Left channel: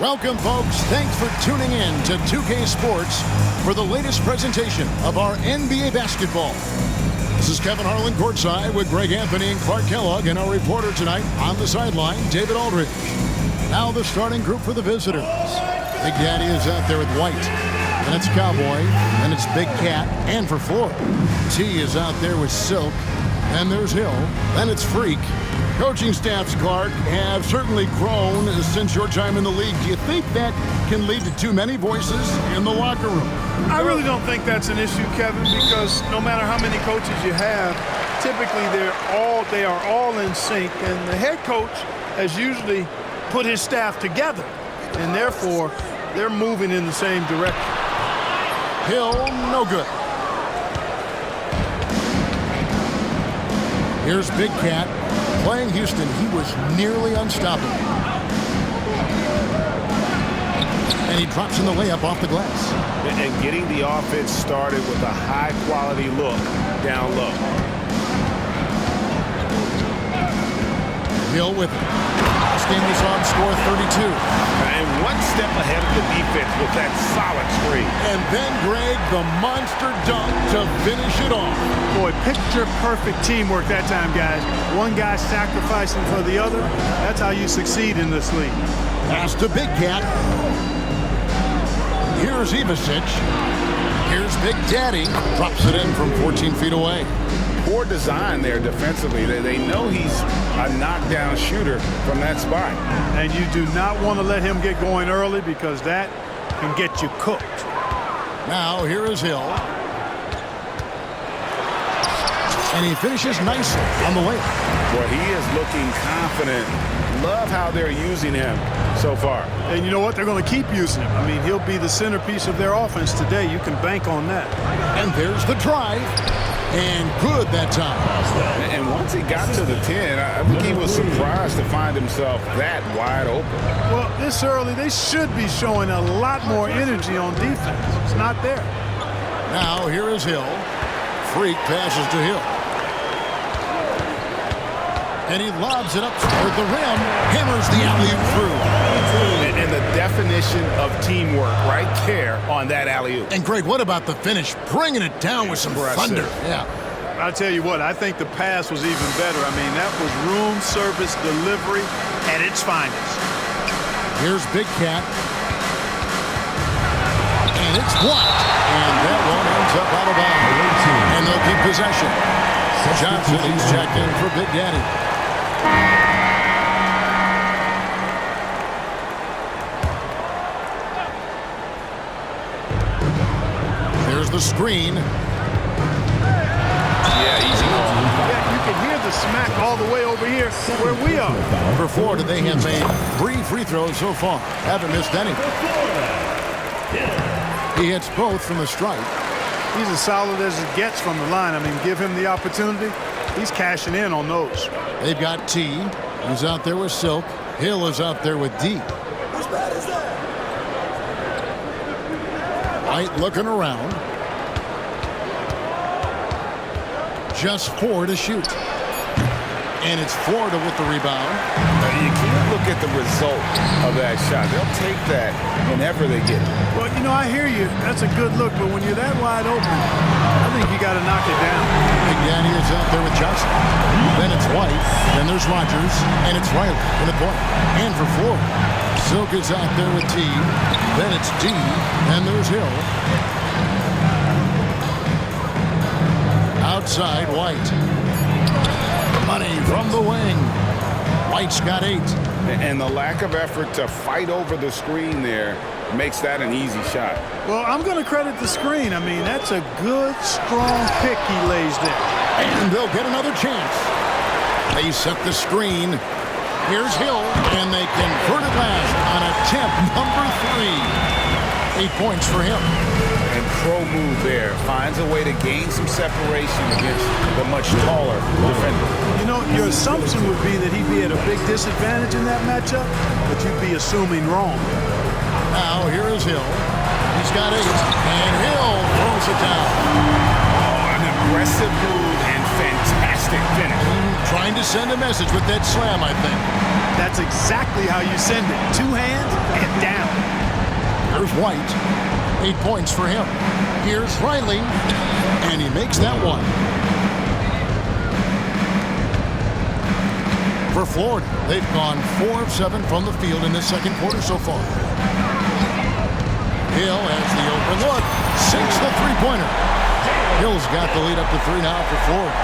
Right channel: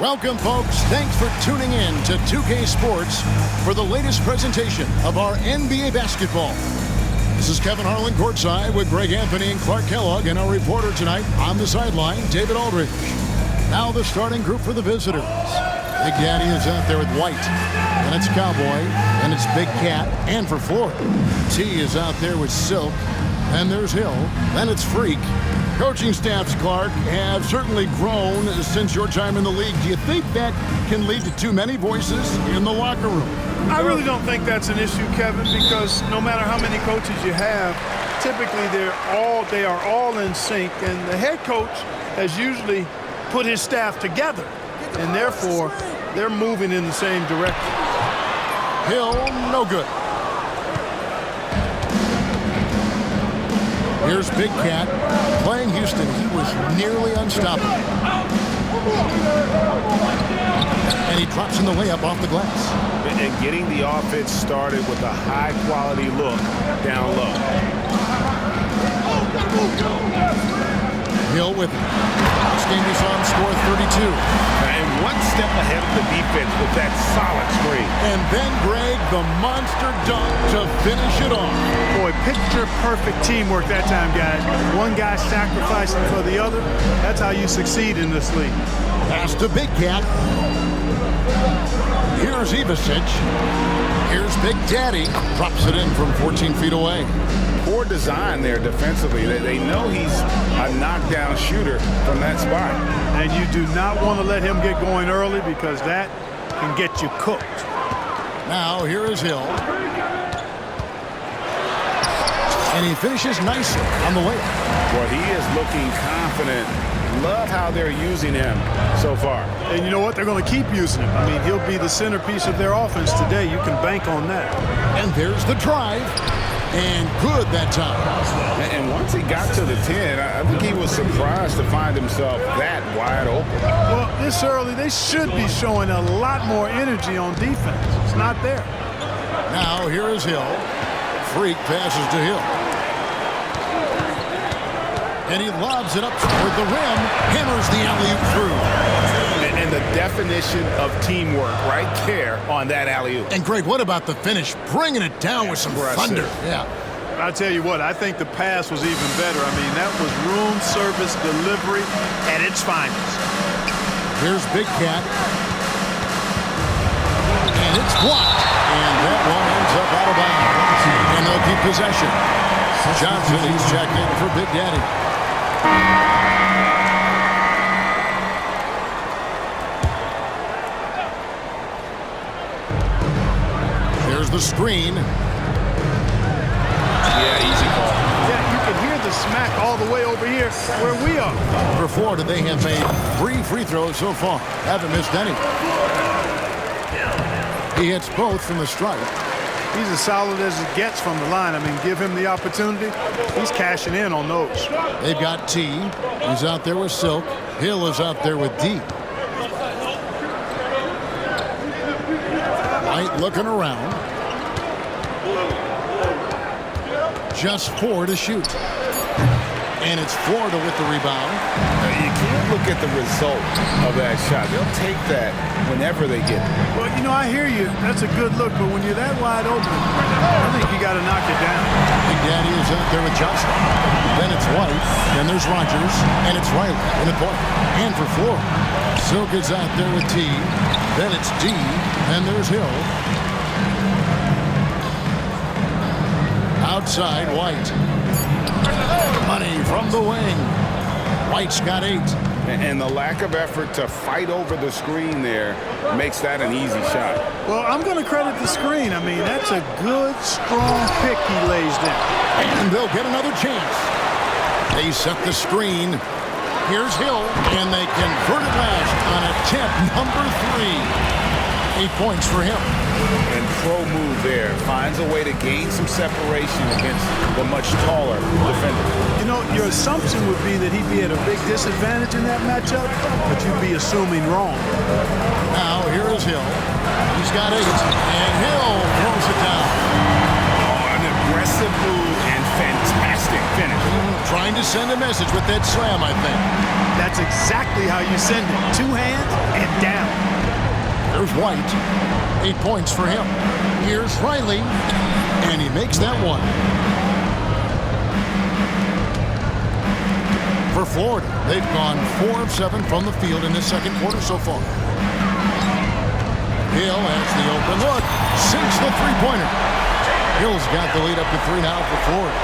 Welcome, folks. Thanks for tuning in to 2K Sports for the latest presentation of our NBA basketball. This is Kevin Harlan courtside with Greg Anthony and Clark Kellogg, and our reporter tonight on the sideline, David Aldridge. Now the starting group for the visitors. Big Daddy is out there with White. Then it's Cowboy. Then it's Big Cat. And for Florida, T is out there with Silk. Then there's Hill. Then it's Freak. Coaching staffs, Clark, have certainly grown since your time in the league. Do you think that can lead to too many voices in the locker room? I really don't think that's an issue, Kevin, because no matter how many coaches you have, typically they are all in sync, and the head coach has usually put his staff together, and therefore they're moving in the same direction. Hill, no good. Here's Big Cat. Playing Houston, he was nearly unstoppable. And he drops in the layup off the glass. And getting the offense started with a high-quality look down low. Hill with it. Last game we saw him score 32. And one step ahead of the defense with that solid screen. And then, Greg, the monster dunk to finish it off. Boy, picture-perfect teamwork that time, guys. One guy sacrificing for the other. That's how you succeed in this league. Pass to Big Cat. Here's Ivasic. Here's Big Daddy. Drops it in from 14 feet away. Poor design there defensively. They know he's a knockdown shooter from that spot. And you do not want to let him get going early because that can get you cooked. Now here is Hill. And he finishes nicely on the layup. Boy, he is looking confident. Love how they're using him so far. And you know what? They're going to keep using him. I mean, he'll be the centerpiece of their offense today. You can bank on that. And there's the drive. And good that time. And once he got to the 10, I think he was surprised to find himself that wide open. Well, this early, they should be showing a lot more energy on defense. It's not there. Now here is Hill. Freak passes to Hill. And he lobs it up toward the rim. Hammers the alley-oop through. And the definition of teamwork right there on that alley-oop. And, Greg, what about the finish? Bringing it down with some thunder. Yeah. I'll tell you what, I think the pass was even better. I mean, that was room service delivery at its finest. Here's Big Cat. And it's blocked. And that one ends up out of bounds. And they'll keep possession. Johnson, he's checked in for Big Daddy. There's the screen. Yeah, easy call. Yeah, you can hear the smack all the way over here where we are. For Florida, they have made 3 free throws so far. Haven't missed any. He hits both from the stripe. He's as solid as it gets from the line. I mean, give him the opportunity. He's cashing in on those. They've got T. He's out there with Silk. Hill is out there with D. White looking around. Just 4 to shoot. And it's Florida with the rebound. You can't look at the result of that shot. They'll take that whenever they get it. Well, you know, I hear you. That's a good look. But when you're that wide open, I think you got to knock it down. Big Daddy is out there with Johnson. Then it's White. Then there's Rogers. And it's Riley in the point. And for Florida, Silk is out there with T. Then it's D. And there's Hill. Outside, White. Money from the wing. White's got 8. And the lack of effort to fight over the screen there makes that an easy shot. Well, I'm going to credit the screen. I mean, that's a good, strong pick he lays there. And they'll get another chance. They set the screen. Here's Hill, and they convert it last on attempt number 3. 8 points for him. And pro move there. Finds a way to gain some separation against the much taller defender. You know, your assumption would be that he'd be at a big disadvantage in that matchup, but you'd be assuming wrong. Now, here is Hill. He's got 8, and Hill throws it down. Oh, an aggressive move and fantastic finish. Trying to send a message with that slam, I think. That's exactly how you send it. 2 hands and down. Here's White. 8 points for him. Here's Riley, and he makes that one. For Florida, they've gone 4 of 7 from the field in this second quarter so far. Hill has the open look, sinks the three-pointer. Hill's got the lead up to 3 now for Florida.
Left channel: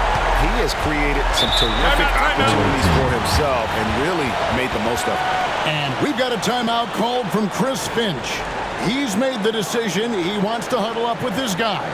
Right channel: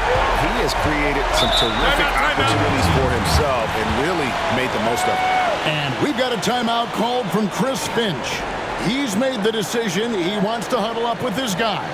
He has created some terrific opportunities for himself and really made the most of it. And we've got a timeout called from Chris Finch. He's made the decision he wants to huddle up with his guys.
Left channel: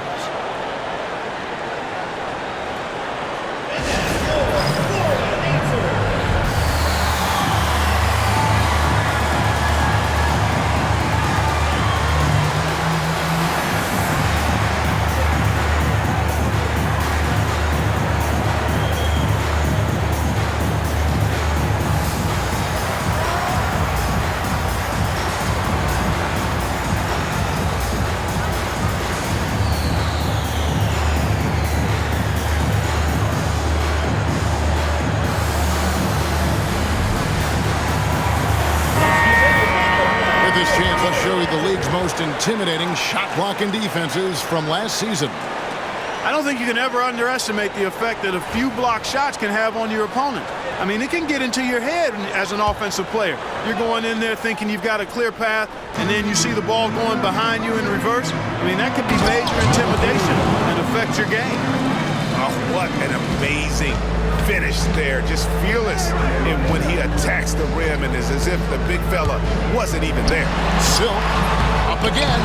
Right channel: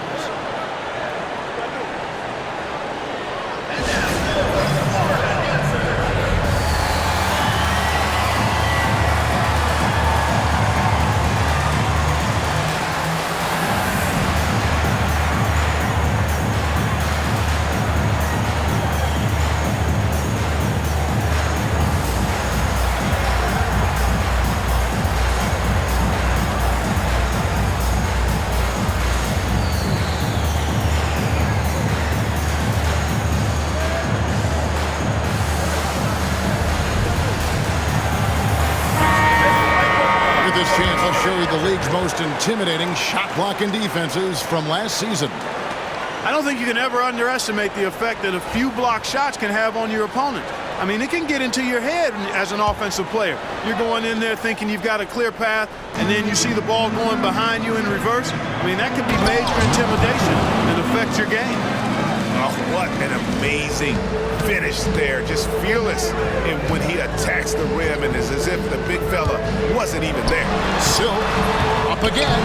This chance, let's show you the league's most intimidating shot-blocking defenses from last season. I don't think you can ever underestimate the effect that a few blocked shots can have on your opponent. I mean, it can get into your head as an offensive player. You're going in there thinking you've got a clear path, and then you see the ball going behind you in reverse. I mean, that could be major intimidation and affect your game. Oh, what an amazing finish there. Just fearless. And when he attacks the rim, and it's as if the big fella wasn't even there. Silk up again.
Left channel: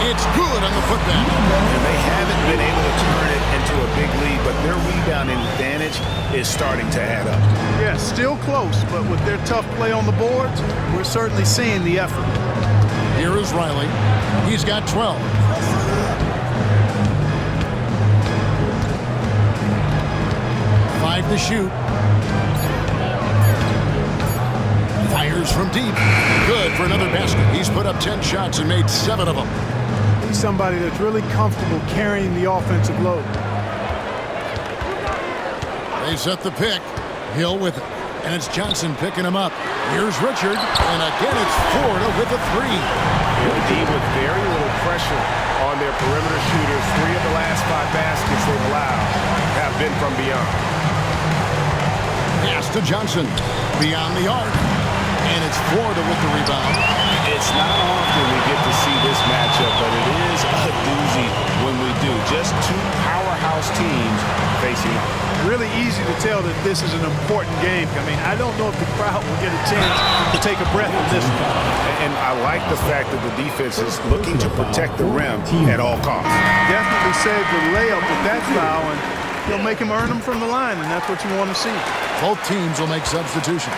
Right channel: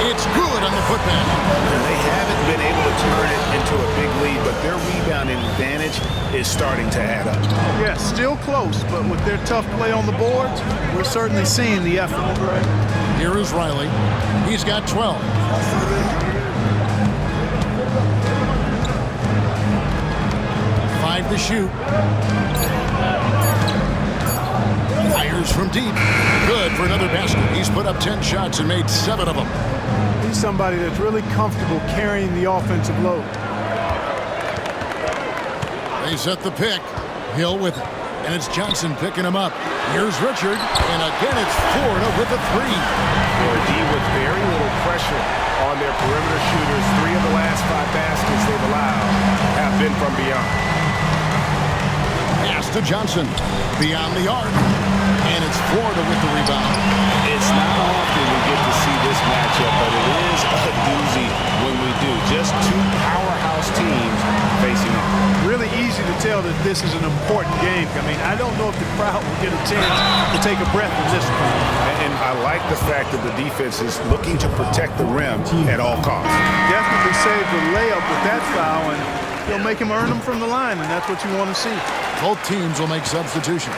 It's good on the putback. And they haven't been able to turn it into a big lead, but their rebounding advantage is starting to add up. Yeah, still close, but with their tough play on the boards, we're certainly seeing the effort. Here is Riley. He's got 12. To shoot. Fires from deep. Good for another basket. He's put up 10 shots and made 7 of them. He's somebody that's really comfortable carrying the offensive load. They set the pick. Hill with it. And it's Johnson picking him up. Here's Richard. And again, it's Florida with a 3. The D with very little pressure on their perimeter shooters. 3 of the last 5 baskets they've allowed have been from beyond. Pass to Johnson. Beyond the arc. And it's Florida with the rebound. It's not often we get to see this matchup, but it is a doozy when we do. Just 2 powerhouse teams facing off. Really easy to tell that this is an important game. I mean, I don't know if the crowd will get a chance to take a breath in this one. And I like the fact that the defense is looking to protect the rim at all costs. Definitely saved the layup with that foul, and he'll make him earn them from the line, and that's what you want to see. Both teams will make substitutions.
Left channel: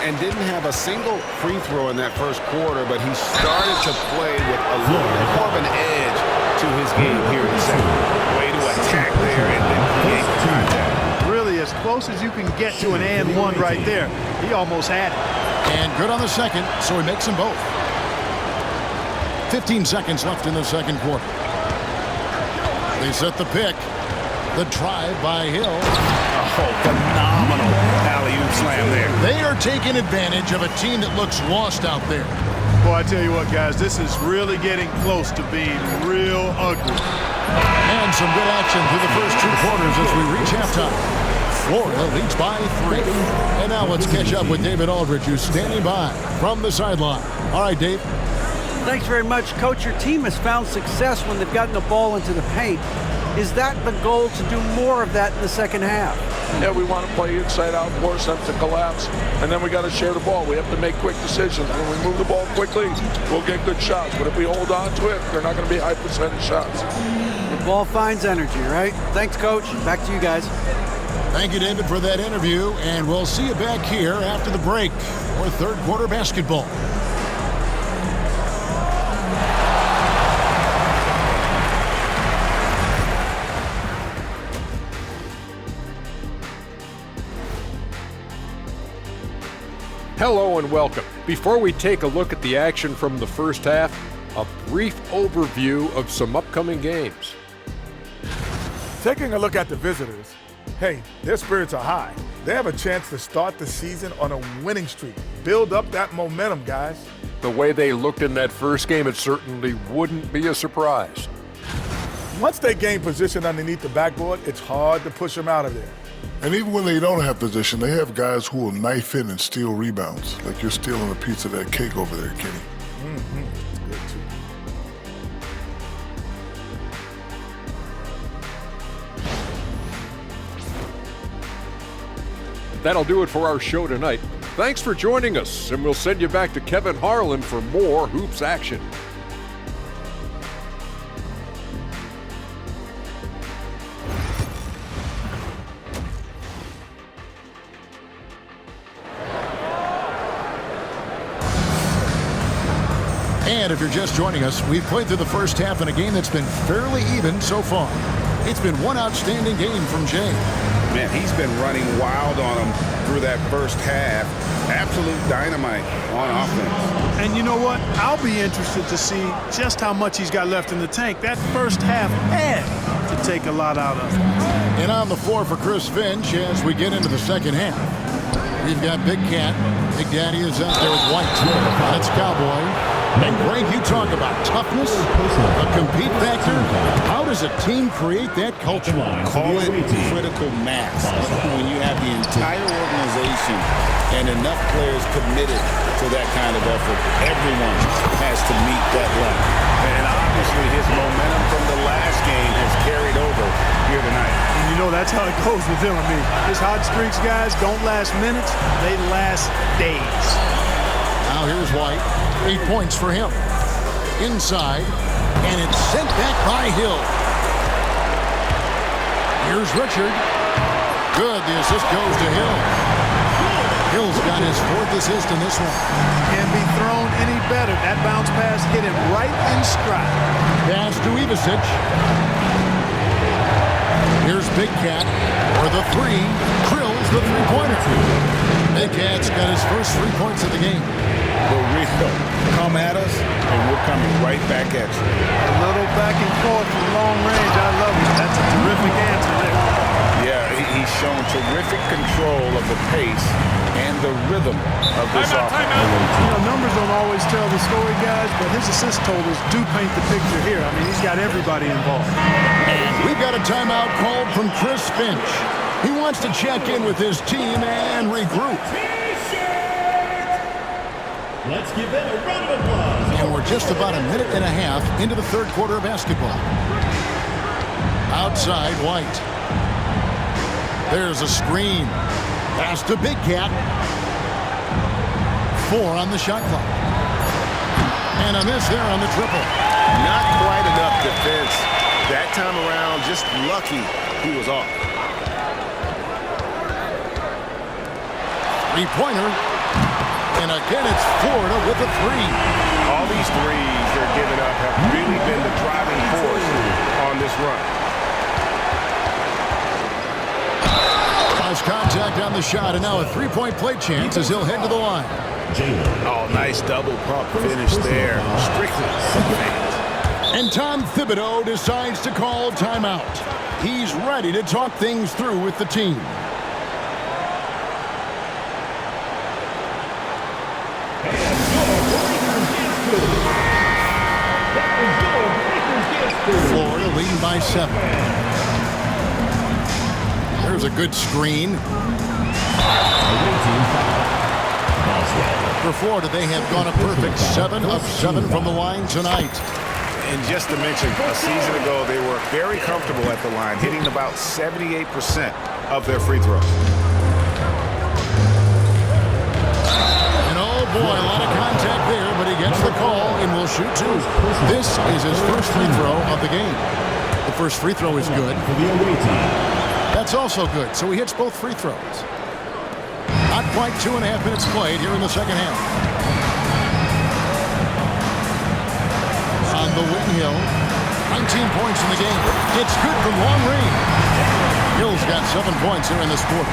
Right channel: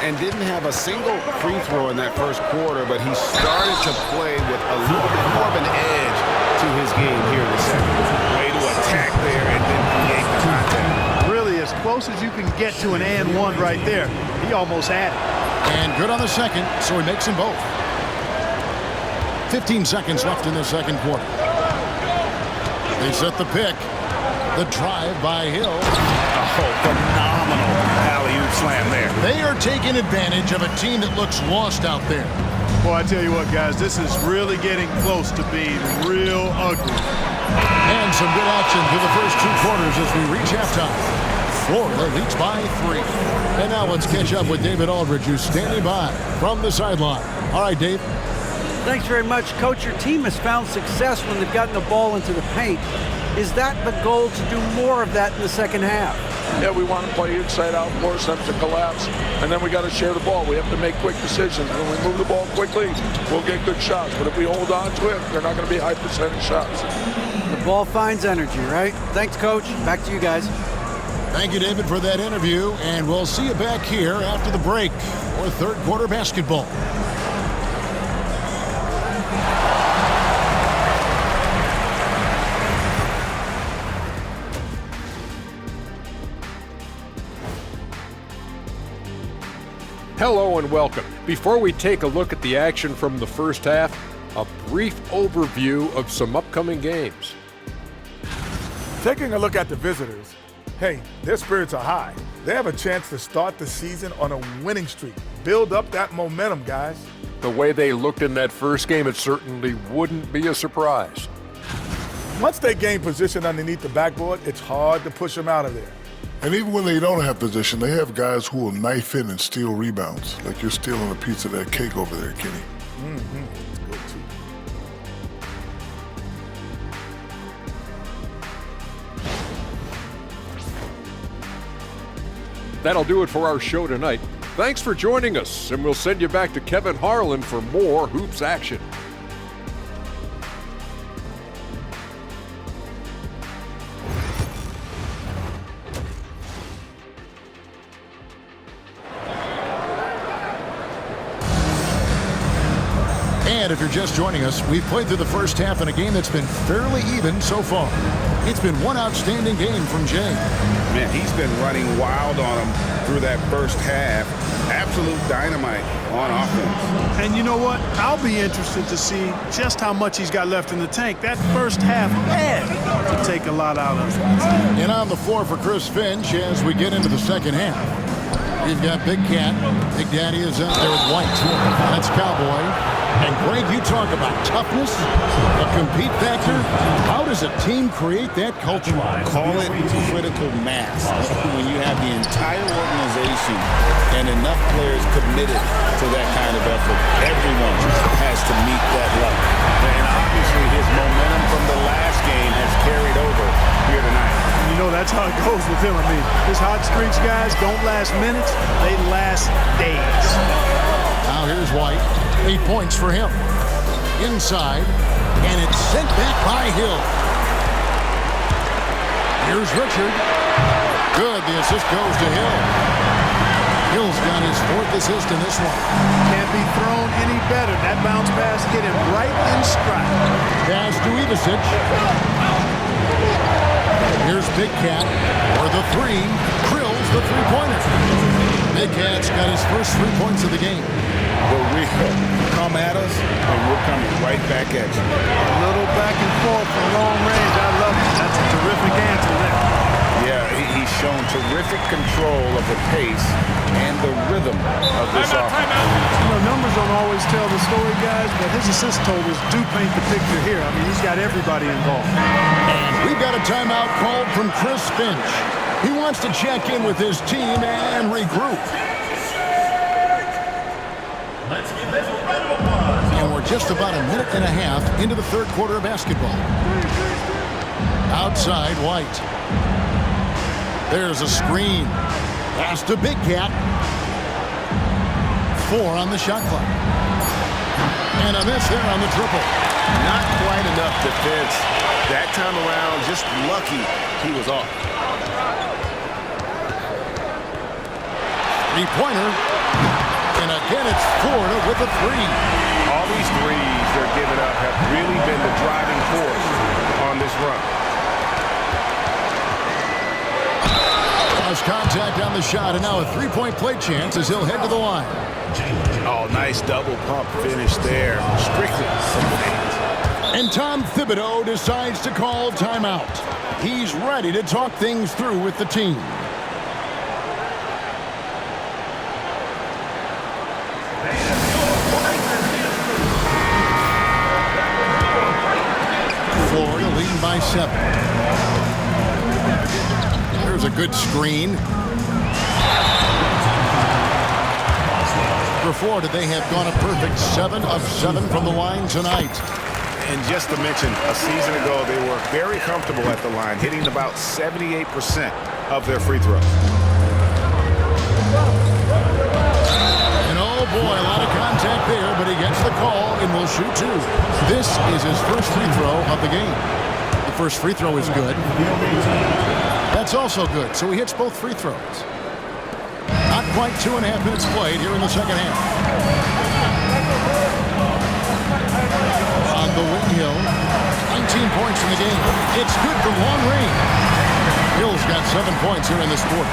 And didn't have a single free throw in that first quarter, but he started to play with a little bit more of an edge to his game here in the second. Way to attack there and then create the contact. Really, as close as you can get to an and one right there. He almost had it. And good on the second, so he makes them both. 15 seconds left in the second quarter. They set the pick. The drive by Hill. Oh, phenomenal alley-oop slam there. They are taking advantage of a team that looks lost out there. Boy, I tell you what, guys, this is really getting close to being real ugly. And some good action through the first 2 quarters as we reach halftime. Florida leads by 3. And now let's catch up with David Aldridge, who's standing by from the sideline. All right, Dave. Thanks very much, Coach. Your team has found success when they've gotten the ball into the paint. Is that the goal, to do more of that in the second half? Yeah, we want to play inside out, force them to collapse, and then we got to share the ball. We have to make quick decisions. When we move the ball quickly, we'll get good shots. But if we hold on to it, they're not going to be high percentage shots. The ball finds energy, right? Thanks, Coach. Back to you guys. Thank you, David, for that interview, and we'll see you back here after the break for third quarter basketball. Hello and welcome. Before we take a look at the action from the first half, a brief overview of some upcoming games. Taking a look at the visitors, Hey, their spirits are high. They have a chance to start the season on a winning streak. Build up that momentum, guys. The way they looked in that first game, it certainly wouldn't be a surprise. Once they gain position underneath the backboard, it's hard to push them out of there. And even when they don't have position, they have guys who will knife in and steal rebounds. Like you're stealing a piece of that cake over there, Kenny. Mm-hmm. It's good, too. That'll do it for our show tonight. Thanks for joining us, and we'll send you back to Kevin Harlan for more hoops action. And if you're just joining us, we've played through the first half in a game that's been fairly even so far. It's been one outstanding game from Jay. Man, he's been running wild on them through that first half. Absolute dynamite on offense. And you know what? I'll be interested to see just how much he's got left in the tank. That first half had to take a lot out of him. And on the floor for Chris Finch as we get into the second half. We've got Big Cat. Big Daddy is out there with White. That's Cowboy. And Greg, you talk about toughness, a compete factor. How does a team create that culture? Call it critical mass. When you have the entire organization and enough players committed to that kind of effort, everyone has to meet that level. And obviously his momentum from the last game has carried over here tonight. And you know that's how it goes with him. I mean, his hot streaks, guys, don't last minutes. They last days. Now here's White. 8 points for him. Inside, and it's sent back by Hill. Here's Richard. Good, the assist goes to Hill. Hill's got his 4th assist in this one. Can't be thrown any better. That bounce pass hit him right in stride. Pass to Ivasic. Here's Big Cat for the 3. Krill's the three-pointer. Big Cat's got his first 3 points of the game. The real come at us, and we're coming right back at you. A little back and forth from long range. I love it. That's a terrific answer there. Yeah, he's shown terrific control of the pace and the rhythm of this offense. You know, numbers don't always tell the story, guys, but his assist totals do paint the picture here. I mean, he's got everybody involved. And we've got a timeout called from Chris Finch. He wants to check in with his team and regroup. Let's give them a round of applause. And we're just about a minute and a half into the third quarter of basketball. Outside, White. There's a screen. Pass to Big Cat. 4 on the shot clock. And a miss there on the triple. Not quite enough defense. That time around, just lucky he was off. 3-pointer. And again, it's Florida with a 3. All these threes they're giving up have really been the driving force on this run. Lost contact on the shot, and now a 3-point play chance as he'll head to the line. Oh, nice double pump finish there. Strictly some fans. And Tom Thibodeau decides to call timeout. He's ready to talk things through with the team. Florida leading by 7. There's a good screen. For Florida, they have gone a perfect 7 of 7 from the line tonight. And just to mention, a season ago, they were very comfortable at the line, hitting about 78% of their free throws. And oh boy, a lot of contact there, but he gets the call and will shoot 2. This is his first free throw of the game. The first free throw is good. That's also good, so he hits both free throws. Not quite 2.5 minutes played here in the second half. On the wing, Hill. 19 points in the game. It's good from long range. Hill's got 7 points here in this quarter.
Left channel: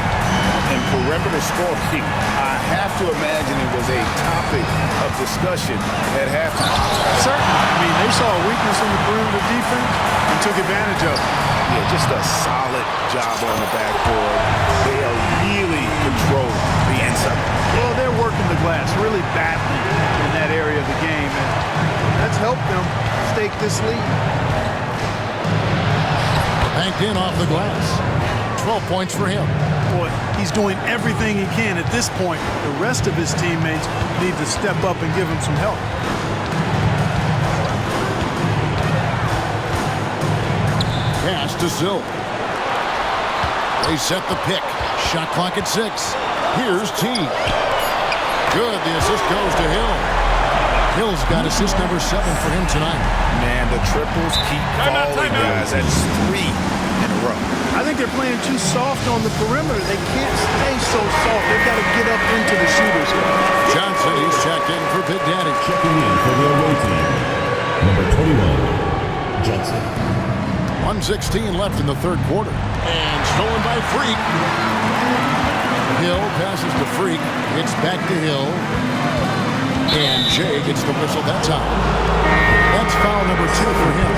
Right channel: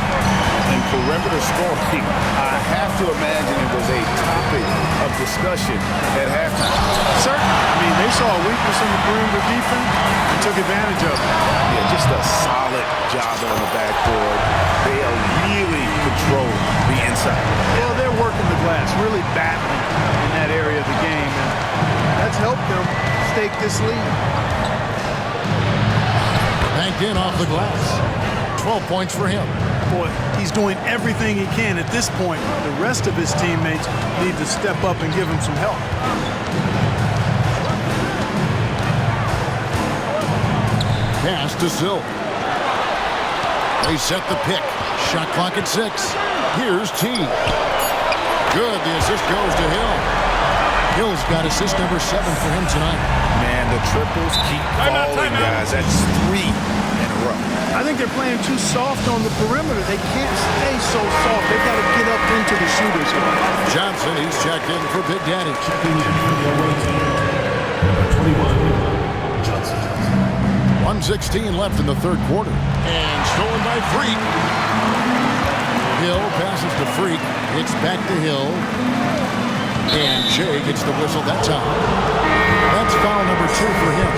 and perimeter scoring, I have to imagine it was a topic of discussion at halftime. Certainly. I mean, they saw a weakness in the perimeter defense and took advantage of it. Yeah, just a solid job on the backboard. They are really controlling the inside. Well, they're working the glass, really battling in that area of the game, and that's helped them stake this lead. Banked in off the glass. 12 points for him. Boy, he's doing everything he can at this point. The rest of his teammates need to step up and give him some help. Pass to Silk. They set the pick. Shot clock at 6. Here's T. Good. The assist goes to Hill. Hill's got assist number 7 for him tonight. Man, the triples keep falling, guys. That's 3 in a row. I think they're playing too soft on the perimeter. They can't stay so soft. They've got to get up into the shooters here. Johnson, he's checked in for Big Daddy. Checking in for the away team, number 21, Johnson. 1:16 left in the third quarter. And stolen by Freak. Hill passes to Freak. It's back to Hill. And Jay gets the whistle that time. That's foul number 2 for him.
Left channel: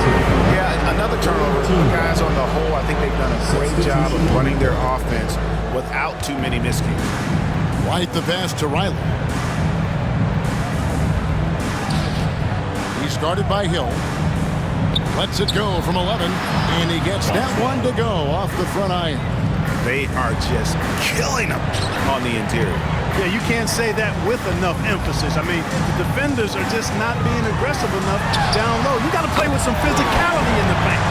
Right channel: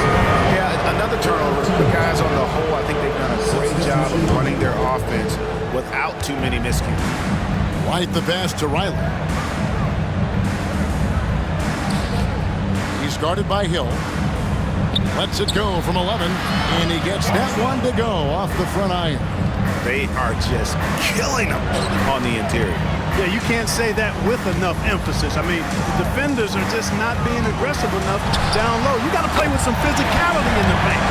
Yeah, another turnover. The guys on the whole, I think they've done a great job of running their offense without too many miscues. White the pass to Riley. He's guarded by Hill. Lets it go from 11, and he gets that one to go off the front iron. They are just killing them on the interior. Yeah, you can't say that with enough emphasis. I mean, the defenders are just not being aggressive enough down low. You got to play with some physicality in the paint.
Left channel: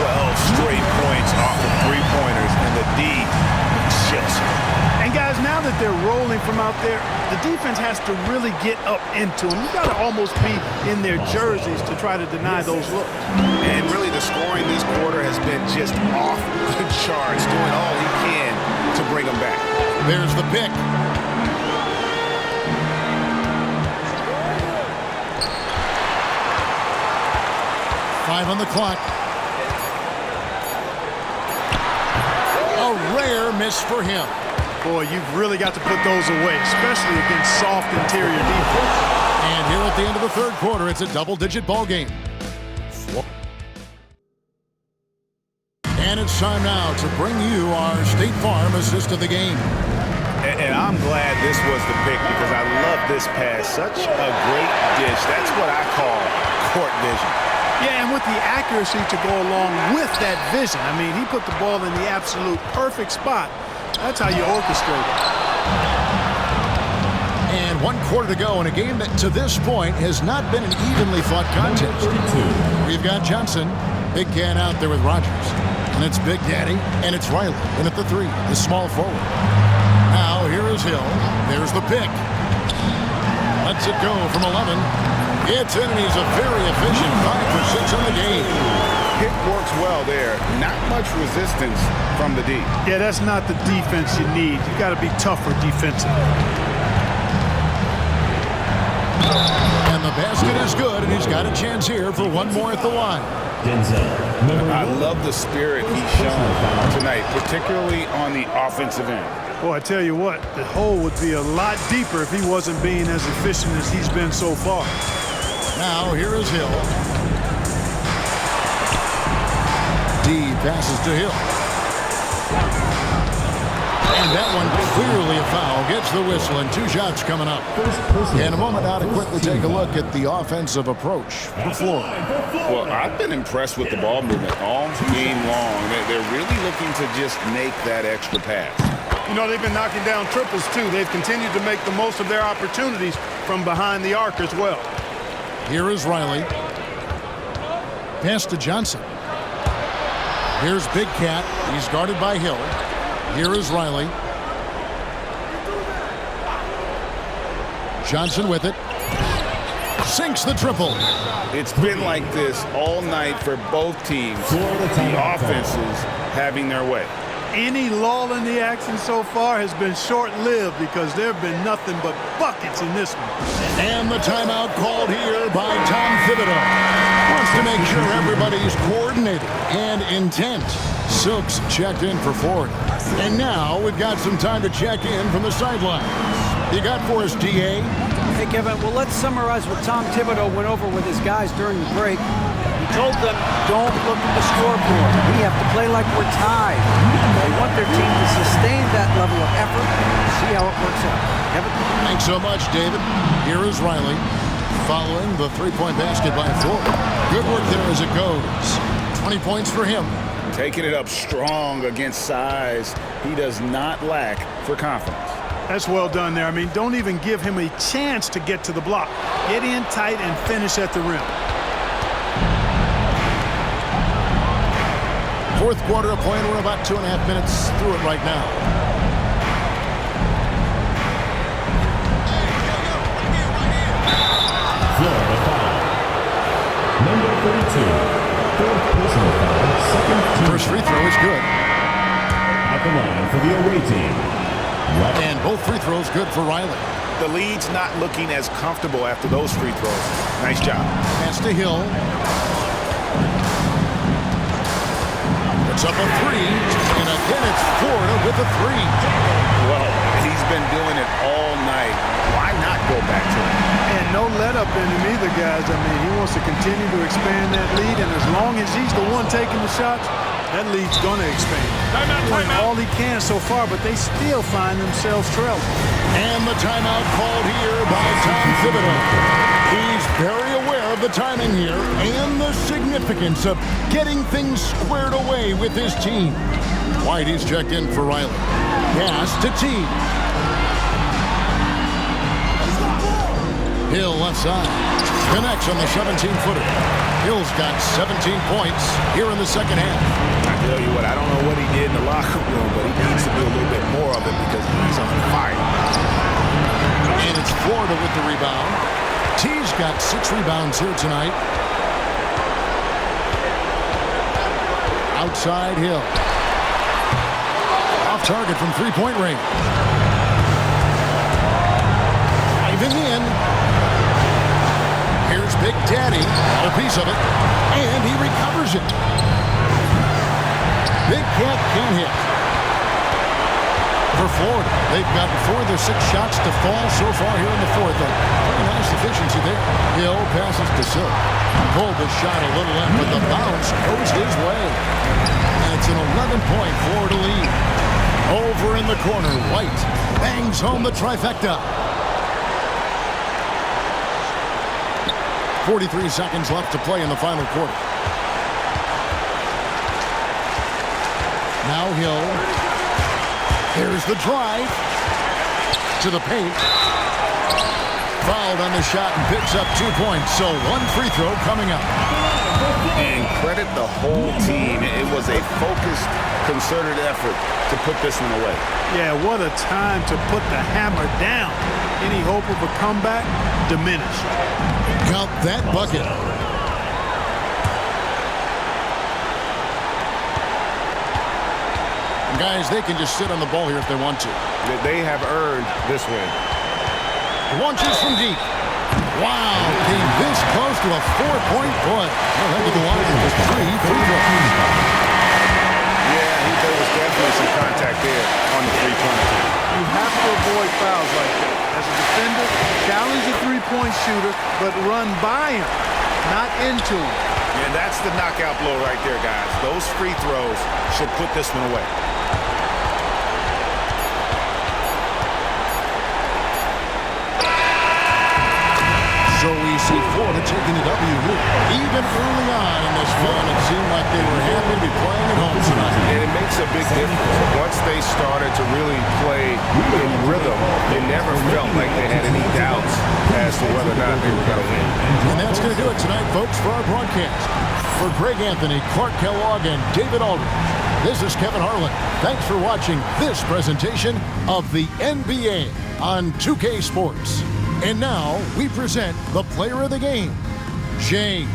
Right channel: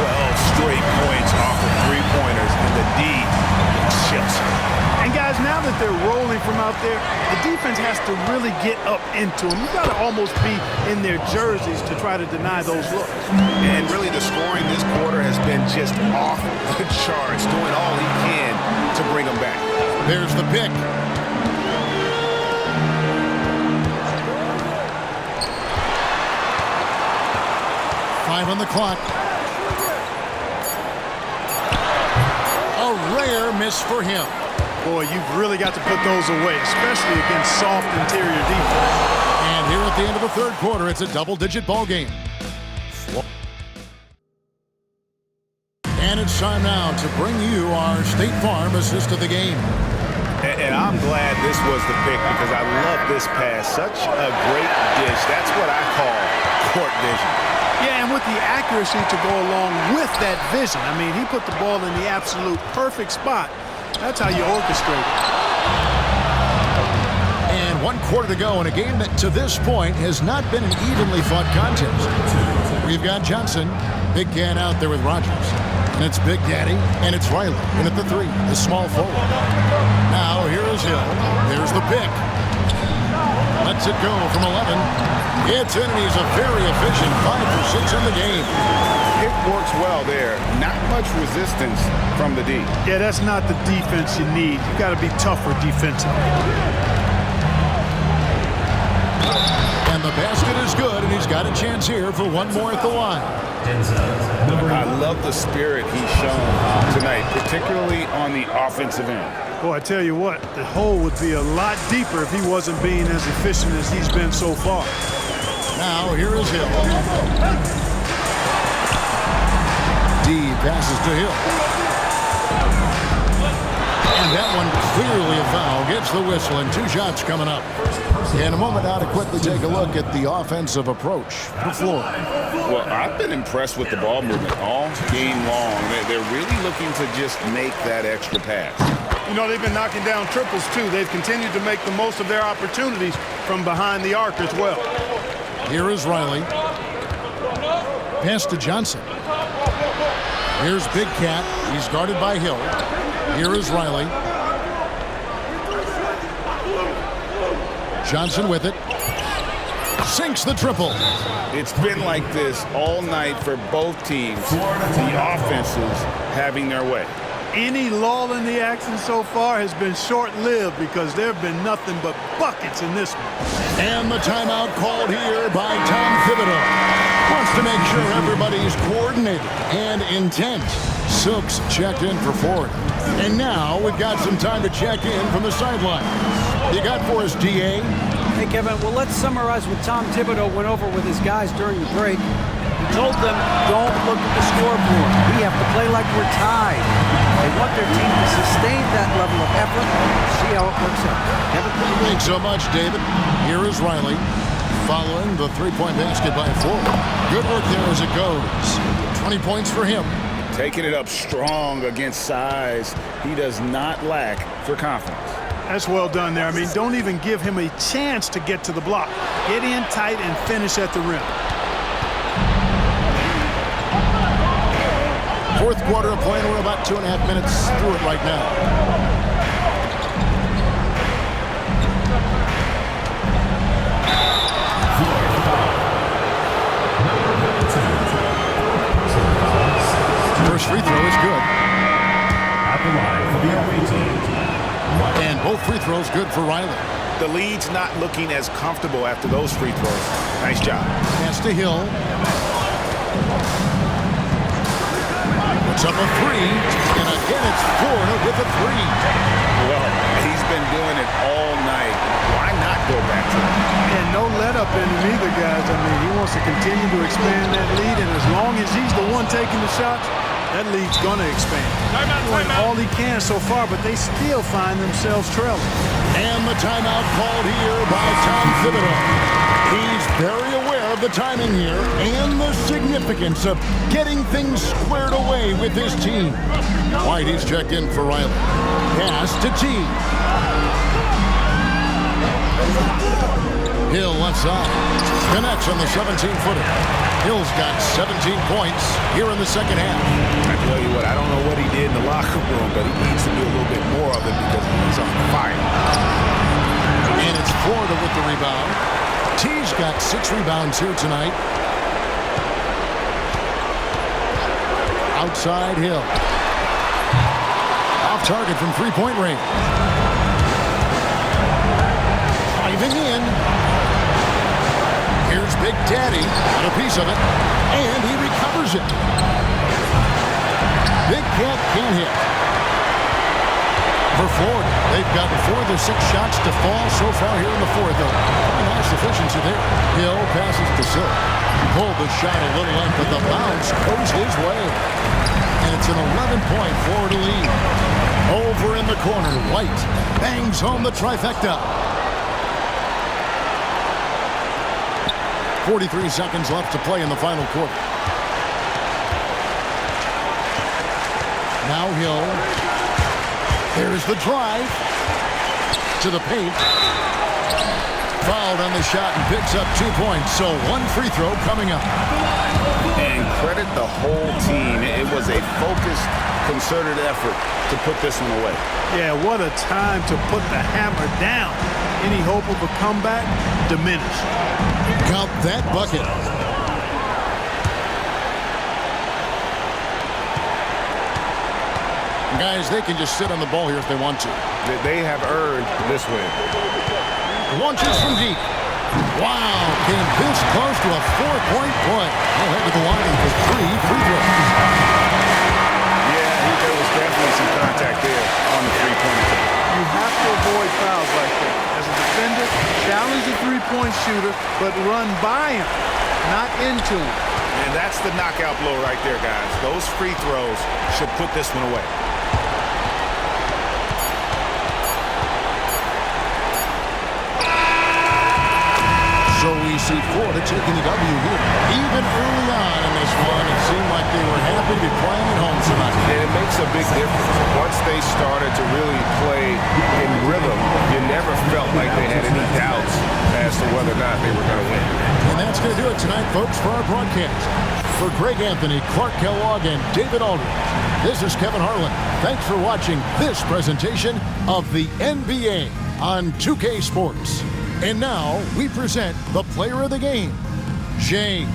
12 straight points off of three-pointers, and the D looks chills. And guys, now that they're rolling from out there, the defense has to really get up into them. You got to almost be in their jerseys to try to deny those looks. And really, the scoring this quarter has been just off the charts, doing all he can to bring them back. There's the pick. Five on the clock. A rare miss for him. Boy, you've really got to put those away, especially against soft interior defense. And here at the end of the third quarter, it's a double-digit ball game. And it's time now to bring you our State Farm assist of the game. And I'm glad this was the pick because I love this pass. Such a great dish. That's what I call court vision. Yeah, and with the accuracy to go along with that vision. I mean, he put the ball in the absolute perfect spot. That's how you orchestrate it. And 1 quarter to go in a game that to this point has not been an evenly fought contest. We've got Johnson, Big Cat out there with Rogers. And it's Big Daddy, and it's Riley. And at the 3, the small forward. Now here is Hill. There's the pick. Lets it go from 11. It's in, and he's a very efficient 5 for 6 on the game. Pick works well there. Not much resistance from the D. Yeah, that's not the defense you need. You got to be tougher defensively. And the basket is good, and he's got a chance here for one more at the line. I love the spirit he's shown tonight, particularly on the offensive end. Boy, I tell you what, the hole would be a lot deeper if he wasn't being as efficient as he's been so far. Now here is Hill. D passes to Hill. And that one clearly a foul. Gets the whistle, and 2 shots coming up. In a moment now to quickly take a look at the offensive approach. The floor. Well, I've been impressed with the ball movement all game long. They're really looking to just make that extra pass. You know, they've been knocking down triples, too. They've continued to make the most of their opportunities from behind the arc as well. Here is Riley. Pass to Johnson. Here's Big Cat. He's guarded by Hill. Here is Riley. Johnson with it. Sinks the triple. It's been like this all night for both teams. The offenses having their way. Any lull in the action so far has been short-lived because there have been nothing but buckets in this one. And the timeout called here by Tom Thibodeau. Wants to make sure everybody's coordinated and intent. Silks checked in for Florida. And now we've got some time to check in from the sidelines. You got for us, DA? Hey, Kevin, well, let's summarize what Tom Thibodeau went over with his guys during the break. He told them, don't look at the scoreboard. We have to play like we're tied. They want their team to sustain that level of effort. See how it works out. Kevin? Thanks so much, David. Here is Riley following the three-point basket by Ford. Good work there as it goes. 20 points for him. Taking it up strong against size. He does not lack for confidence. That's well done there. I mean, don't even give him a chance to get to the block. Get in tight and finish at the rim. Fourth quarter of play, and we're about 2.5 minutes through it right now. Florida foul. Number 32. Fourth personal foul. Second. First free throw is good. At the line for the away team. And both free throws good for Riley. The lead's not looking as comfortable after those free throws. Nice job. Pass to Hill. Puts up a three. And again, it's Florida with a three. Well, he's been doing it all night. Why not go back to it? And no let up in him either, guys. I mean, he wants to continue to expand that lead, and as long as he's the one taking the shots, that lead's going to expand. Doing all he can so far, but they still find themselves trailing. And the timeout called here by Tom Thibodeau. He's very aware of the timing here and the significance of getting things squared away with his team. White, he's checked in for Riley. Pass to T. Hill left side. Connects on the 17-footer. Hill's got 17 points here in the second half. I tell you what, I don't know what he did in the locker room, but he needs to do a little bit more of it because he's on fire. And it's Florida with the rebound. T's got 6 rebounds here tonight. Outside Hill. Off target from three-point range. Driving in. Here's Big Daddy. Got a piece of it. And he recovers it. Big Cat can't hit. For Florida, they've gotten 4 of their 6 shots to fall so far here in the fourth. A pretty nice efficiency there. Hill passes to Silk. Pulled the shot a little in, but the bounce goes his way. And it's an 11-point Florida lead. Over in the corner, White bangs home the trifecta. 43 seconds left to play in the final quarter. Now Hill. There's the drive to the paint. Fouled on the shot and picks up 2 points. So 1 free throw coming up. And credit the whole team. It was a focused, concerted effort to put this one away. Yeah, what a time to put the hammer down. Any hope of a comeback diminished. Count that bucket. And guys, they can just sit on the ball here if they want to. They have earned this win. Launches from deep. Wow, came this close to a 4-point play. Well, head to the line for 3 free throws. Yeah, there was definitely some contact there on the three-pointer team. You have to avoid fouls like that. As a defender, challenge the three-point shooter, but run by him, not into him. And that's the knockout blow right there, guys. Those free throws should put this one away. So we see Florida taking the W here. Even early on in this one, it seemed like they were happy to be playing at home tonight. And it makes a big difference. Once they started to really play in rhythm, you never felt like they had any doubts as to whether or not they were going to win. And that's going to do it tonight, folks, for our broadcast. For Greg Anthony, Clark Kellogg, and David Aldridge, this is Kevin Harlan. Thanks for watching this presentation of the NBA on 2K Sports. And now we present the player of the game, Jay